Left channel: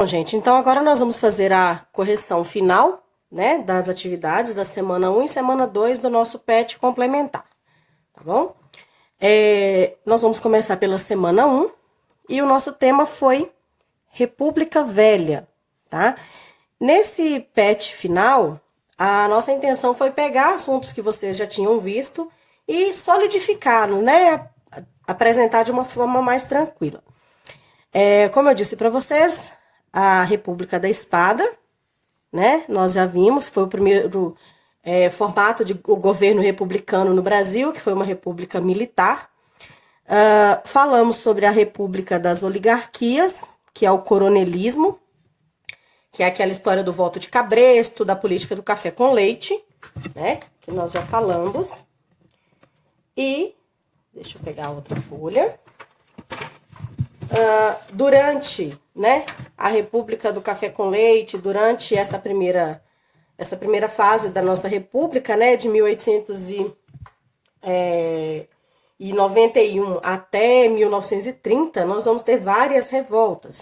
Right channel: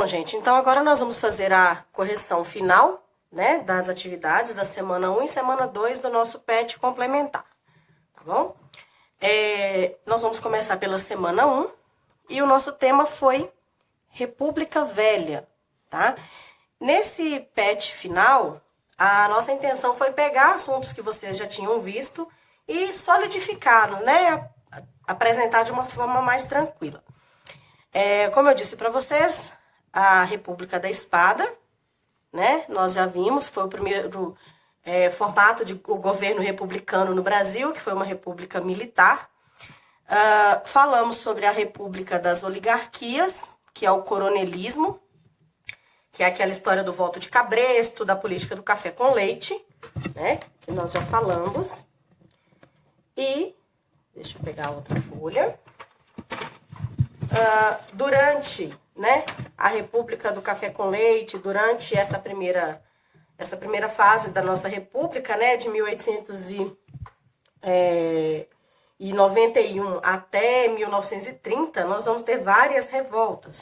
Bom, gente, então agora nós vamos fazer a correção final, né, das atividades da semana 1 e semana 2 do nosso PET complementar, tá bom? Nós vamos começar pela semana 1 e o nosso tema foi República Velha, tá? Nesse PET final, a nossa intenção foi pegar assuntos que vocês já tinham visto e solidificá-los, né, apresentar de uma forma mais tranquila. Como eu disse para vocês, a República da Espada, né? Nós já vimos, foi o primeiro formato de governo republicano no Brasil, que foi uma república militar. Falamos sobre a República das Oligarquias, que é o coronelismo, que é aquela história do voto de cabresto, da política do café com leite, né? Que nós já falamos. E, deixa eu pegar outra folha. Durante, né, a República do Café com Leite, durante essa primeira fase da nossa República, né, de 1891 até 1930, nós vamos ter várias revoltas.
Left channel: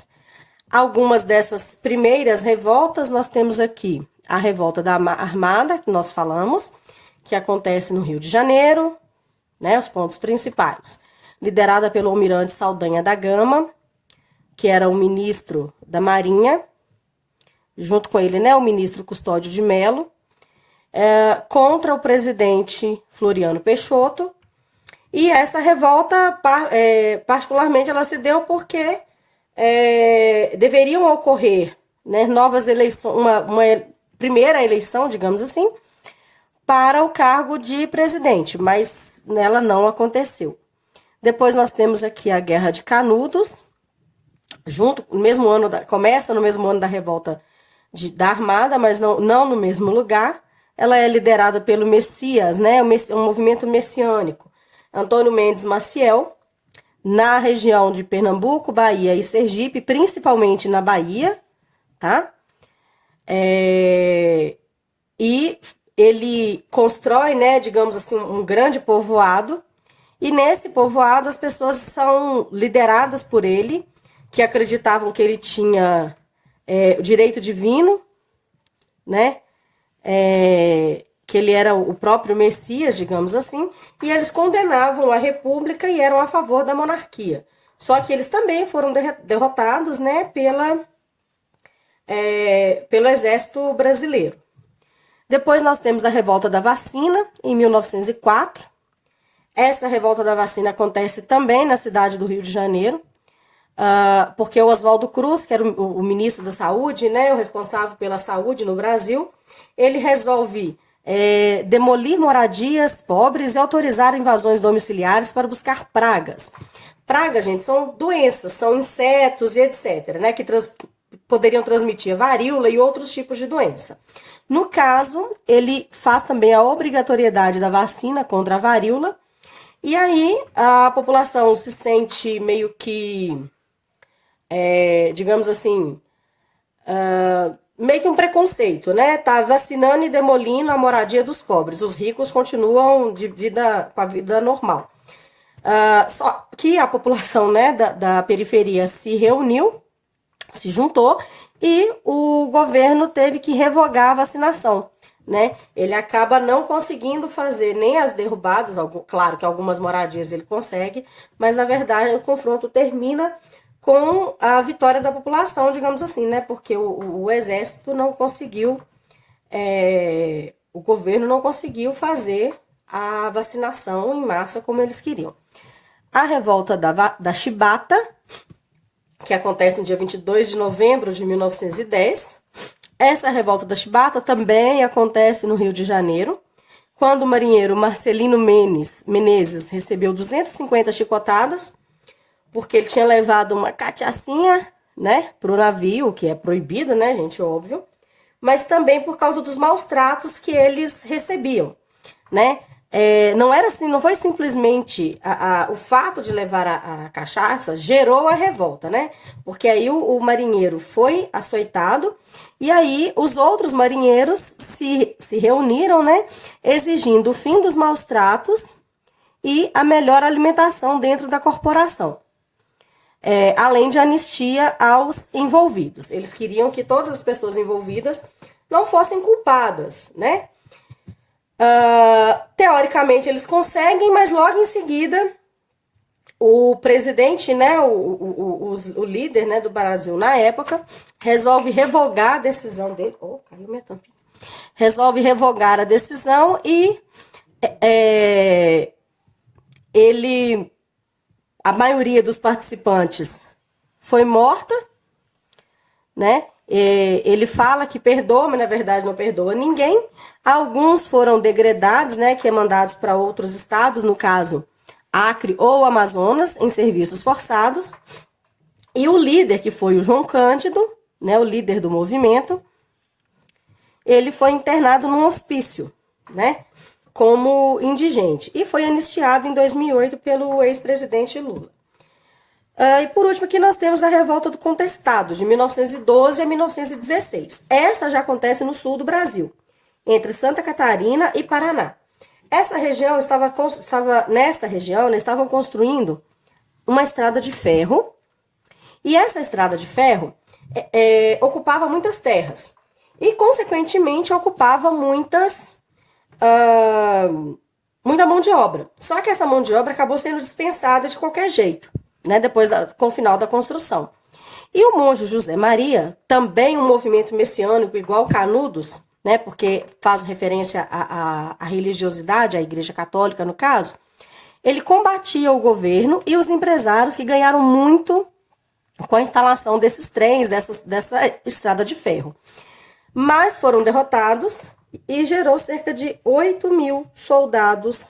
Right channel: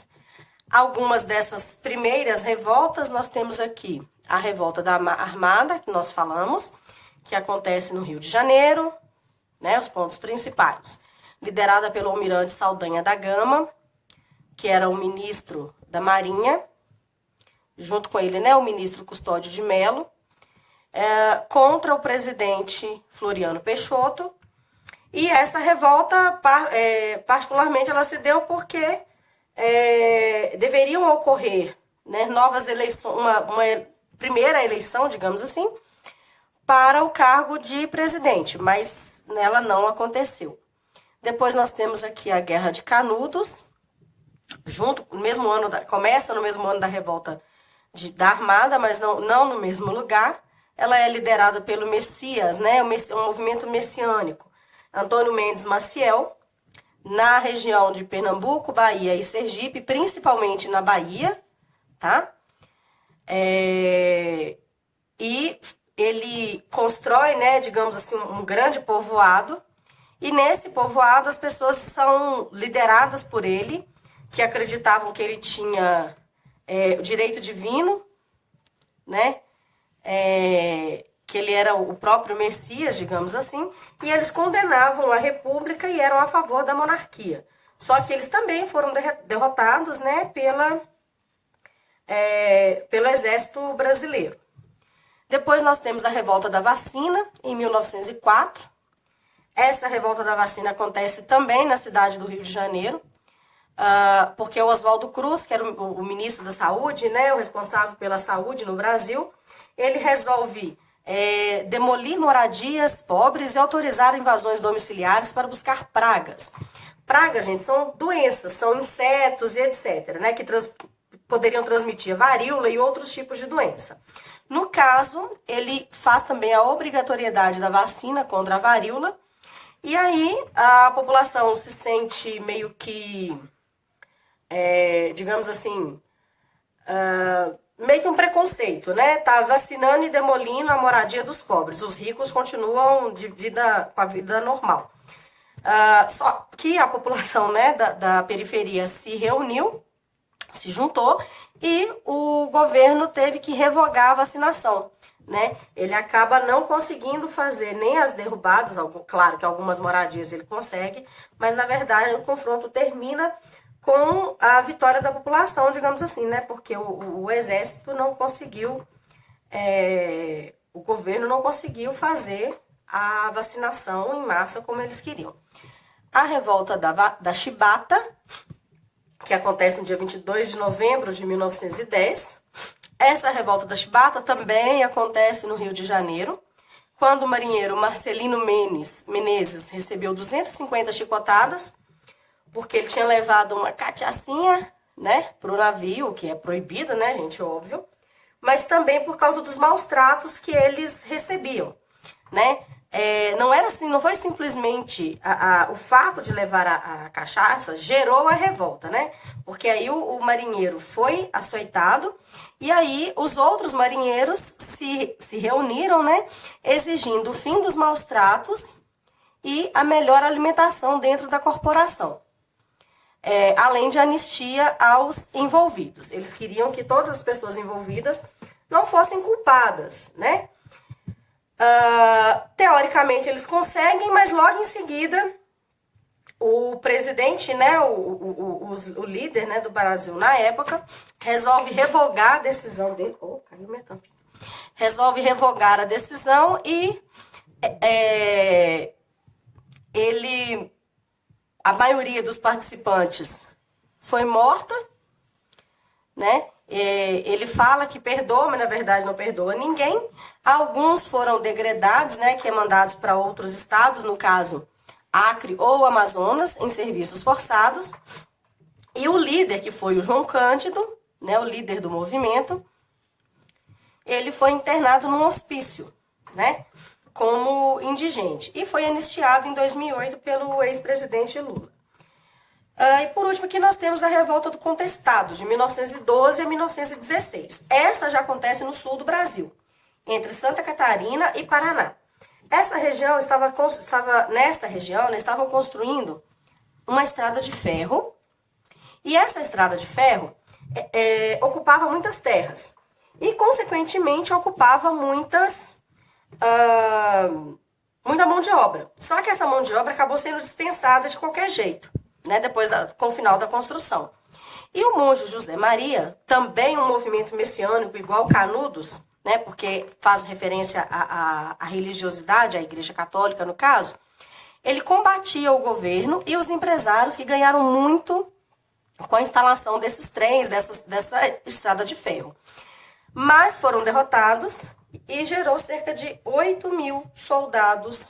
Algumas dessas primeiras revoltas, nós temos aqui a Revolta da Armada, que nós falamos, que acontece no Rio de Janeiro, né, os pontos principais. Liderada pelo almirante Saldanha da Gama, que era o ministro da Marinha, junto com ele, né, o ministro Custódio de Mello, contra o presidente Floriano Peixoto. E essa revolta, particularmente, ela se deu porque deveriam ocorrer, né, novas eleições, uma primeira eleição, digamos assim, para o cargo de presidente, mas ela não aconteceu. Depois nós temos aqui a Guerra de Canudos, começa no mesmo ano da revolta da Armada, mas não no mesmo lugar. Ela é liderada pelo Messias, né, um movimento messiânico, Antônio Mendes Maciel, na região de Pernambuco, Bahia e Sergipe, principalmente na Bahia, tá? E ele constrói, né, digamos assim, um grande povoado. E nesse povoado as pessoas são lideradas por ele, que acreditavam que ele tinha o direito divino, né? Que ele era o próprio Messias, digamos assim, e eles condenavam a república e eram a favor da monarquia. Só que eles também foram derrotados, né, pelo exército brasileiro. Depois nós temos a Revolta da Vacina, em 1904. Essa revolta da vacina acontece também na cidade do Rio de Janeiro, porque o Oswaldo Cruz, que era o ministro da Saúde, né, o responsável pela saúde no Brasil, ele resolve demolir moradias pobres e autorizar invasões domiciliares para buscar pragas. Pragas, gente, são doenças, são insetos e etc., né, que poderiam transmitir a varíola e outros tipos de doença. No caso, ele faz também a obrigatoriedade da vacina contra a varíola. E aí a população se sente meio que, digamos assim, meio que um preconceito, né? Tá vacinando e demolindo a moradia dos pobres. Os ricos continuam com a vida normal. Só que a população, né, da periferia se reuniu, se juntou, e o governo teve que revogar a vacinação, né? Ele acaba não conseguindo fazer nem as derrubadas, claro que algumas moradias ele consegue, mas na verdade o confronto termina com a vitória da população, digamos assim, né? Porque o exército não conseguiu, o governo não conseguiu fazer a vacinação em massa como eles queriam. A revolta da Chibata, que acontece no dia 22 de novembro de 1910. Essa revolta da Chibata também acontece no Rio de Janeiro, quando o marinheiro Marcelino Menezes recebeu 250 chicotadas, porque ele tinha levado uma cachaçinha, né, para o navio, que é proibido, né, gente, óbvio, mas também por causa dos maus tratos que eles recebiam, né? Não foi simplesmente o fato de levar a cachaça gerou a revolta, né? Porque aí o marinheiro foi açoitado e aí os outros marinheiros se reuniram, né? Exigindo o fim dos maus tratos e a melhor alimentação dentro da corporação. além de anistia aos envolvidos. Eles queriam que todas as pessoas envolvidas não fossem culpadas, né? Teoricamente eles conseguem, mas logo em seguida o presidente, né, o líder, né, do Brasil na época, resolve revogar a decisão dele. Oh, caiu minha tampinha. Resolve revogar a decisão e a maioria dos participantes foi morta, né? Ele fala que perdoa, mas na verdade não perdoa ninguém. Alguns foram degredados, né, que é mandados para outros estados, no caso Acre ou Amazonas, em serviços forçados. E o líder, que foi o João Cândido, né, o líder do movimento, ele foi internado num hospício, né, como indigente. E foi anistiado em 2008 pelo ex-presidente Lula. E por último, aqui nós temos a Revolta do Contestado, de 1912 a 1916. Essa já acontece no sul do Brasil, entre Santa Catarina e Paraná. Essa região nesta região, né, estavam construindo uma estrada de ferro, e essa estrada de ferro ocupava muitas terras, e consequentemente ocupava muita mão de obra. Só que essa mão de obra acabou sendo dispensada de qualquer jeito, né, com o final da construção. E o monge José Maria, também um movimento messiânico igual Canudos, né, porque faz referência à religiosidade, à Igreja Católica no caso, ele combatia o governo e os empresários que ganharam muito com a instalação desses trens, dessa estrada de ferro. Mas foram derrotados e gerou cerca de 8.000 soldados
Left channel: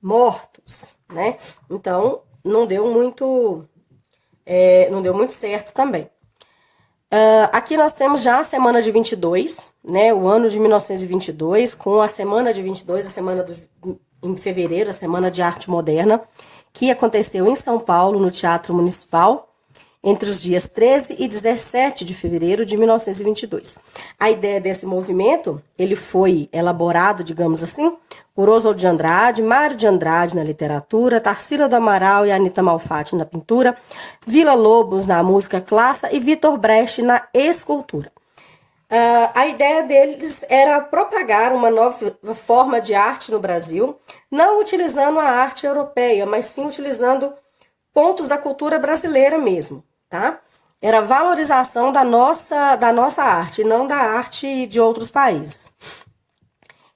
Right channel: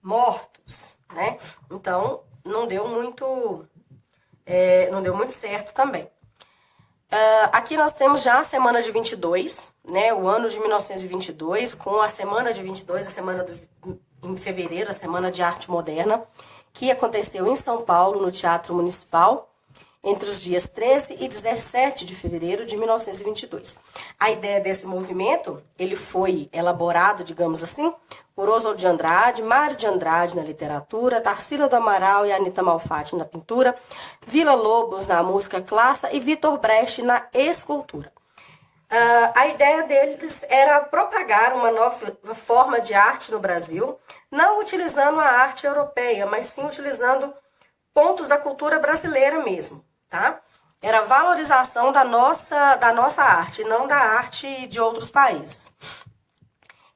mortos, né? Então, não deu muito certo também. Aqui nós temos já a semana de 22, né, o ano de 1922, com a semana de 22, em fevereiro, a Semana de Arte Moderna, que aconteceu em São Paulo, no Teatro Municipal, entre os dias 13 e 17 de fevereiro de 1922. A ideia desse movimento, ele foi elaborado, digamos assim, por Oswald de Andrade, Mário de Andrade na literatura, Tarsila do Amaral e Anita Malfatti na pintura, Vila Lobos na música clássica e Vitor Brecht na escultura. A ideia deles era propagar uma nova forma de arte no Brasil, não utilizando a arte europeia, mas sim utilizando pontos da cultura brasileira mesmo, tá? Era a valorização da nossa arte, não da arte de outros países.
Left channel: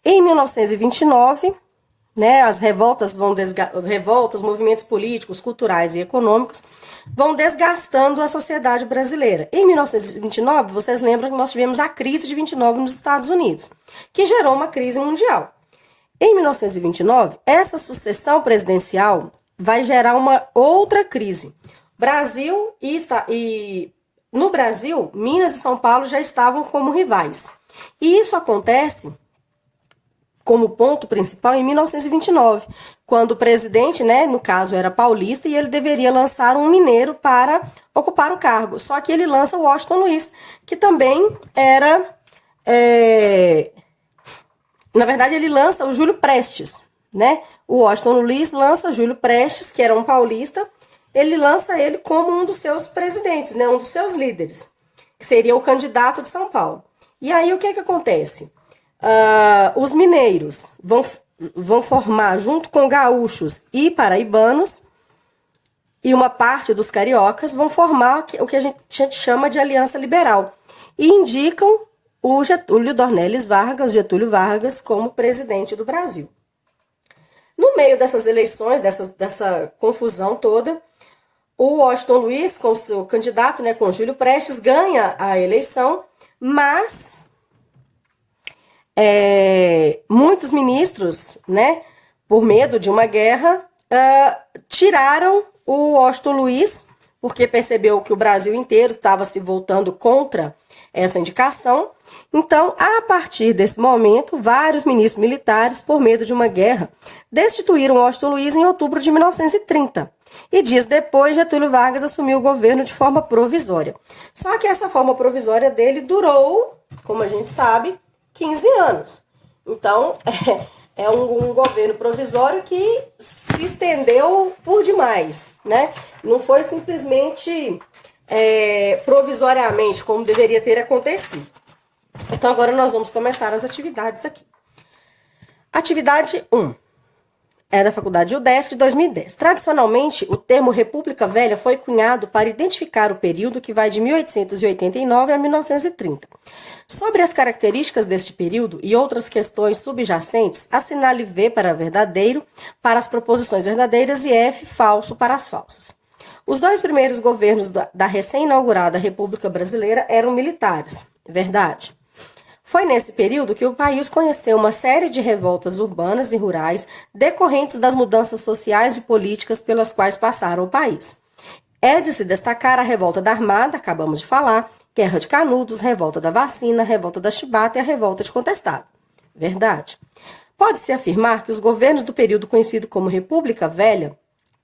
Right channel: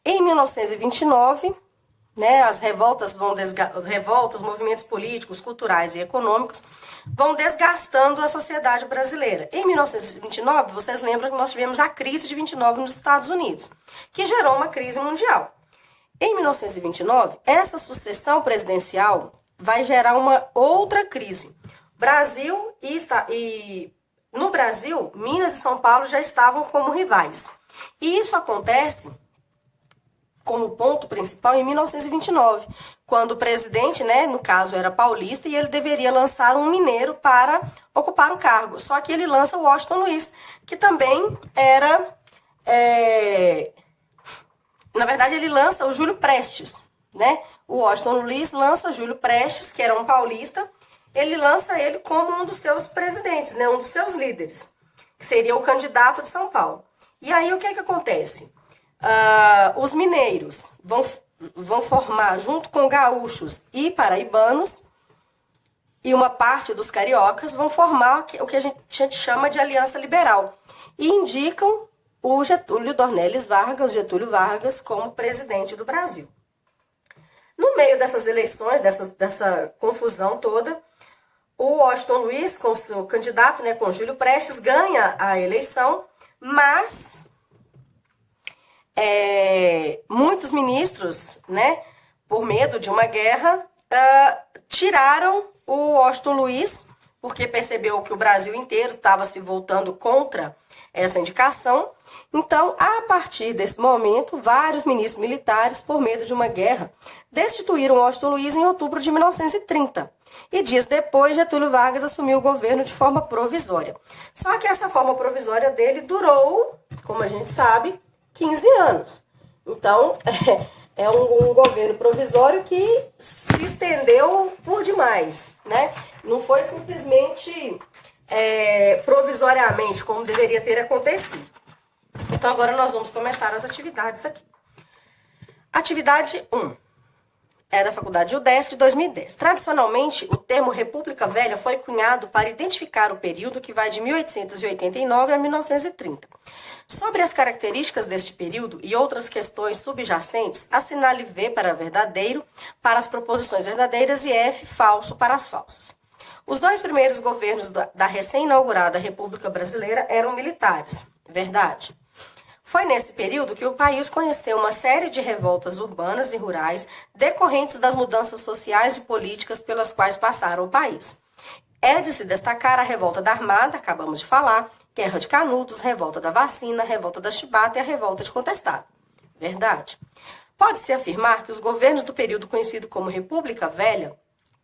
Em 1929, né, as revoltas, movimentos políticos, culturais e econômicos vão desgastando a sociedade brasileira. Em 1929, vocês lembram que nós tivemos a crise de 29 nos Estados Unidos, que gerou uma crise mundial. Em 1929, essa sucessão presidencial vai gerar uma outra crise. No Brasil, Minas e São Paulo já estavam como rivais. E isso acontece como ponto principal em 1929, quando o presidente, né, no caso era paulista, e ele deveria lançar um mineiro para ocupar o cargo. Só que ele lança o Washington Luiz, que também era... Na verdade, ele lança o Júlio Prestes, né? O Washington Luiz lança o Júlio Prestes, que era um paulista, ele lança ele como um dos seus presidentes, né, um dos seus líderes, que seria o candidato de São Paulo. E aí, o que acontece? Os mineiros vão formar, junto com gaúchos e paraibanos, e uma parte dos cariocas, vão formar o que a gente chama de Aliança Liberal. E indicam o Getúlio Vargas, como presidente do Brasil. No meio dessas eleições, dessa confusão toda, o Washington Luiz, com seu candidato, né, com Júlio Prestes, ganha a eleição, mas muitos ministros, né, por medo de uma guerra, tiraram o Washington Luiz, porque percebeu que o Brasil inteiro estava se voltando contra essa indicação. Então, a partir desse momento, vários ministros militares, por medo de uma guerra, destituíram Washington Luiz em outubro de 1930. E dias depois, Getúlio Vargas assumiu o governo de forma provisória. Só que essa forma provisória dele durou, como a gente sabe, 15 anos. Então, é um governo provisório que se estendeu por demais, né? Não foi simplesmente provisoriamente, como deveria ter acontecido. Então, agora nós vamos começar as atividades aqui. Atividade 1. É da Faculdade UDESC de 2010. Tradicionalmente, o termo República Velha foi cunhado para identificar o período que vai de 1889 a 1930. Sobre as características deste período e outras questões subjacentes, assinale V para verdadeiro para as proposições verdadeiras e F falso para as falsas. Os dois primeiros governos da recém-inaugurada República Brasileira eram militares. Verdade. Foi nesse período que o país conheceu uma série de revoltas urbanas e rurais decorrentes das mudanças sociais e políticas pelas quais passaram o país. É de se destacar a revolta da Armada, acabamos de falar, Guerra de Canudos, revolta da Vacina, revolta da Chibata e a revolta de Contestado. Verdade. Pode-se afirmar que os governos do período conhecido como República Velha,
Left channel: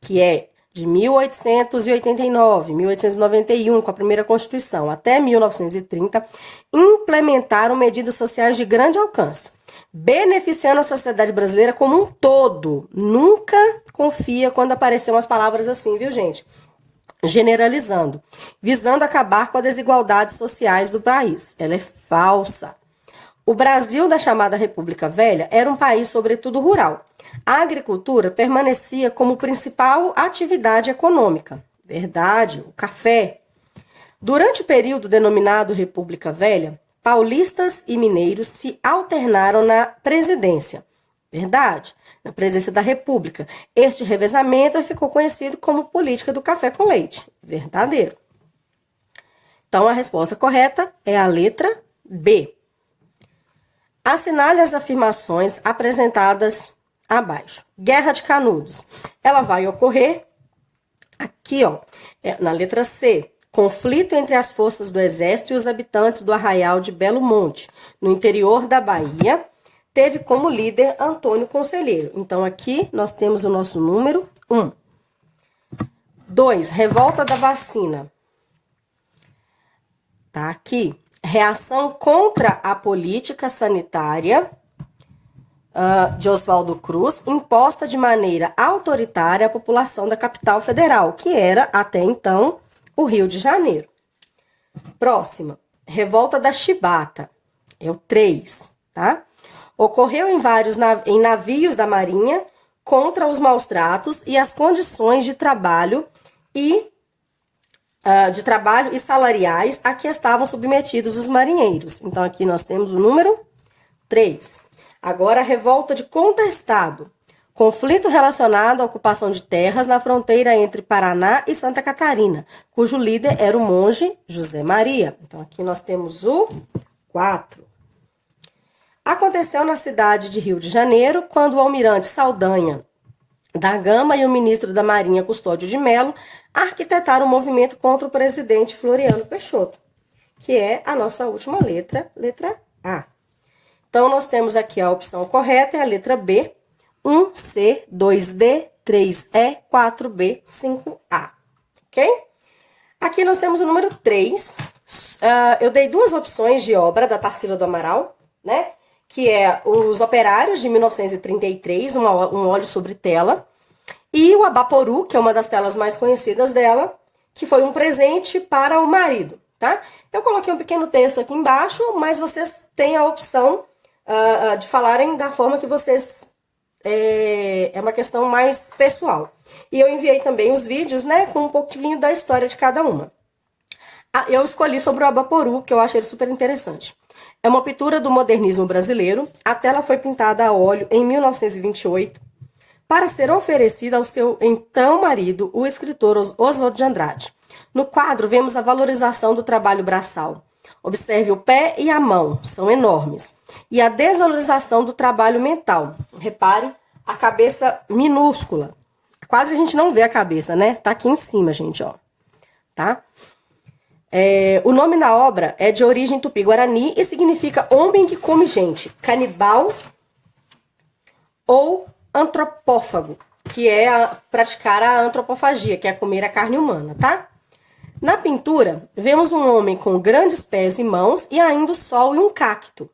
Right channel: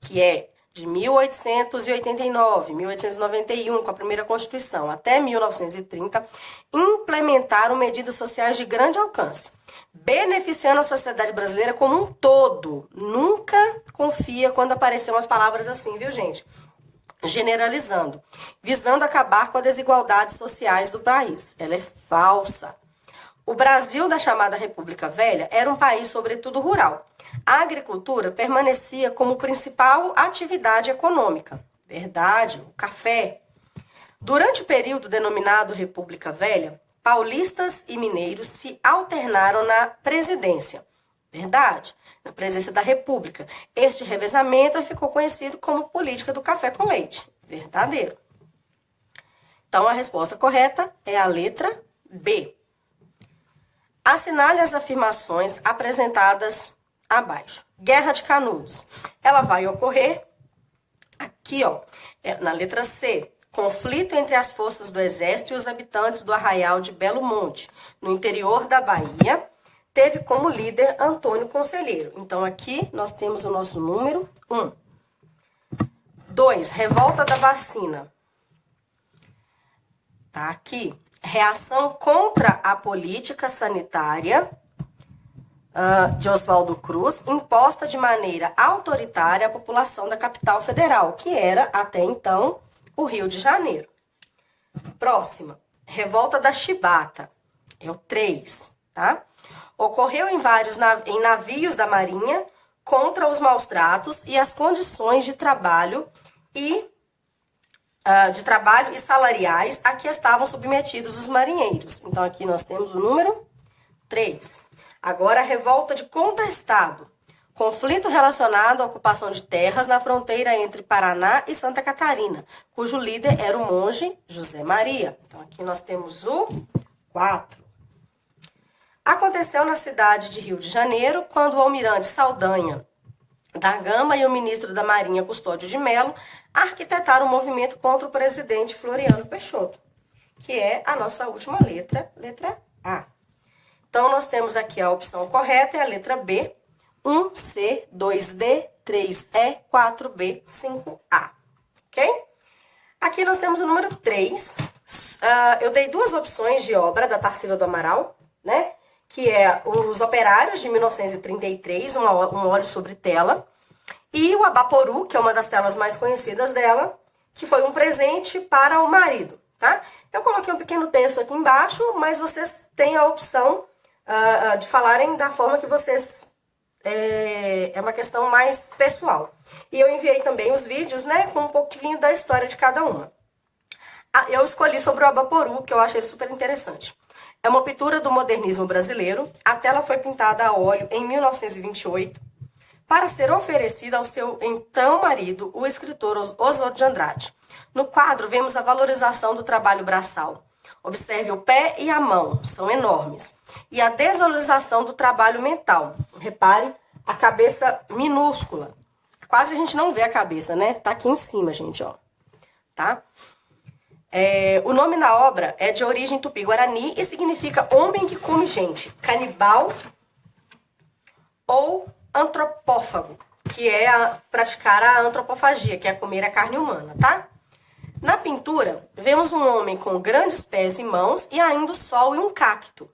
que é de 1889, 1891, com a primeira Constituição, até 1930, implementaram medidas sociais de grande alcance, beneficiando a sociedade brasileira como um todo. Nunca confia quando aparecem umas palavras assim, viu, gente? Generalizando, visando acabar com as desigualdades sociais do país. Ela é falsa. O Brasil da chamada República Velha era um país, sobretudo, rural. A agricultura permanecia como principal atividade econômica. Verdade, o café. Durante o período denominado República Velha, paulistas e mineiros se alternaram na presidência. Verdade, na presidência da República. Este revezamento ficou conhecido como política do café com leite. Verdadeiro. Então, a resposta correta é a letra B. Assinale as afirmações apresentadas abaixo. Guerra de Canudos. Ela vai ocorrer aqui, ó, na letra C. Conflito entre as forças do Exército e os habitantes do Arraial de Belo Monte, no interior da Bahia, teve como líder Antônio Conselheiro. Então, aqui nós temos o nosso número 1. 2. Revolta da Vacina. Tá aqui. Reação contra a política sanitária de Oswaldo Cruz, imposta de maneira autoritária à população da capital federal, que era, até então, o Rio de Janeiro. Próxima, revolta da Chibata, é o 3, tá? Ocorreu em navios da Marinha contra os maus tratos e as condições de trabalho e salariais a que estavam submetidos os marinheiros. Então, aqui nós temos o número 3. Agora, a revolta de Contestado. Conflito relacionado à ocupação de terras na fronteira entre Paraná e Santa Catarina, cujo líder era o monge José Maria. Então, aqui nós temos o 4. Aconteceu na cidade de Rio de Janeiro, quando o almirante Saldanha da Gama e o ministro da Marinha Custódio de Melo arquitetaram um movimento contra o presidente Floriano Peixoto, que é a nossa última letra, letra A. Então, nós temos aqui a opção correta, é a letra B, 1C, 2D, 3E, 4B, 5A. Ok? Aqui nós temos o número 3. Eu dei duas opções de obra da Tarsila do Amaral, né? Que é Os Operários, de 1933, um óleo sobre tela. E o Abaporu, que é uma das telas mais conhecidas dela, que foi um presente para o marido, tá? Eu coloquei um pequeno texto aqui embaixo, mas vocês têm a opção de falarem da forma que vocês... É uma questão mais pessoal. E eu enviei também os vídeos, né, com um pouquinho da história de cada uma. Eu escolhi sobre o Abaporu, que eu achei ele super interessante. É uma pintura do modernismo brasileiro. A tela foi pintada a óleo em 1928 para ser oferecida ao seu então marido, o escritor Oswald de Andrade. No quadro, vemos a valorização do trabalho braçal. Observe o pé e a mão, são enormes. E a desvalorização do trabalho mental. Repare a cabeça minúscula. Quase a gente não vê a cabeça, né? Tá aqui em cima, gente, ó. Tá? O nome da obra é de origem tupi-guarani e significa homem que come gente. Canibal ou antropófago, que é praticar a antropofagia, que é comer a carne humana, tá? Na pintura, vemos um homem com grandes pés e mãos e ainda o sol e um cacto.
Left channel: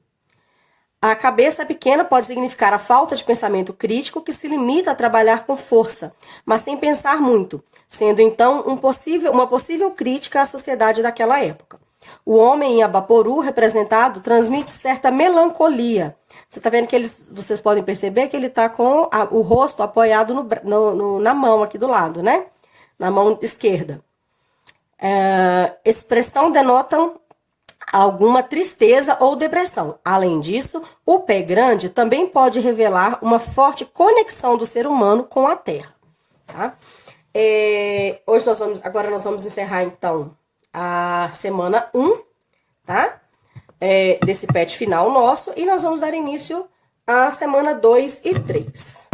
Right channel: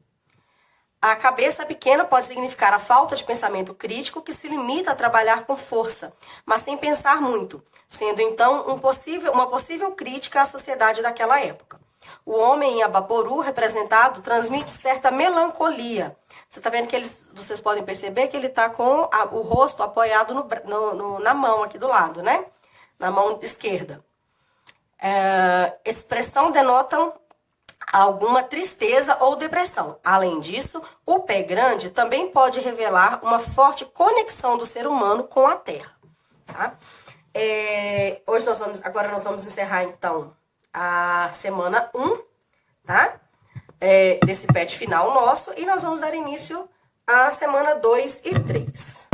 A cabeça pequena pode significar a falta de pensamento crítico que se limita a trabalhar com força, mas sem pensar muito, sendo então uma possível crítica à sociedade daquela época. O homem em Abaporu, representado, transmite certa melancolia. Você está vendo que vocês podem perceber que ele está com o rosto apoiado na mão aqui do lado, né? Na mão esquerda. Expressão denotam alguma tristeza ou depressão. Além disso, o pé grande também pode revelar uma forte conexão do ser humano com a terra. Tá? Agora nós vamos encerrar, então, a semana 1, tá? Desse PET final nosso, e nós vamos dar início à semana 2 e 3.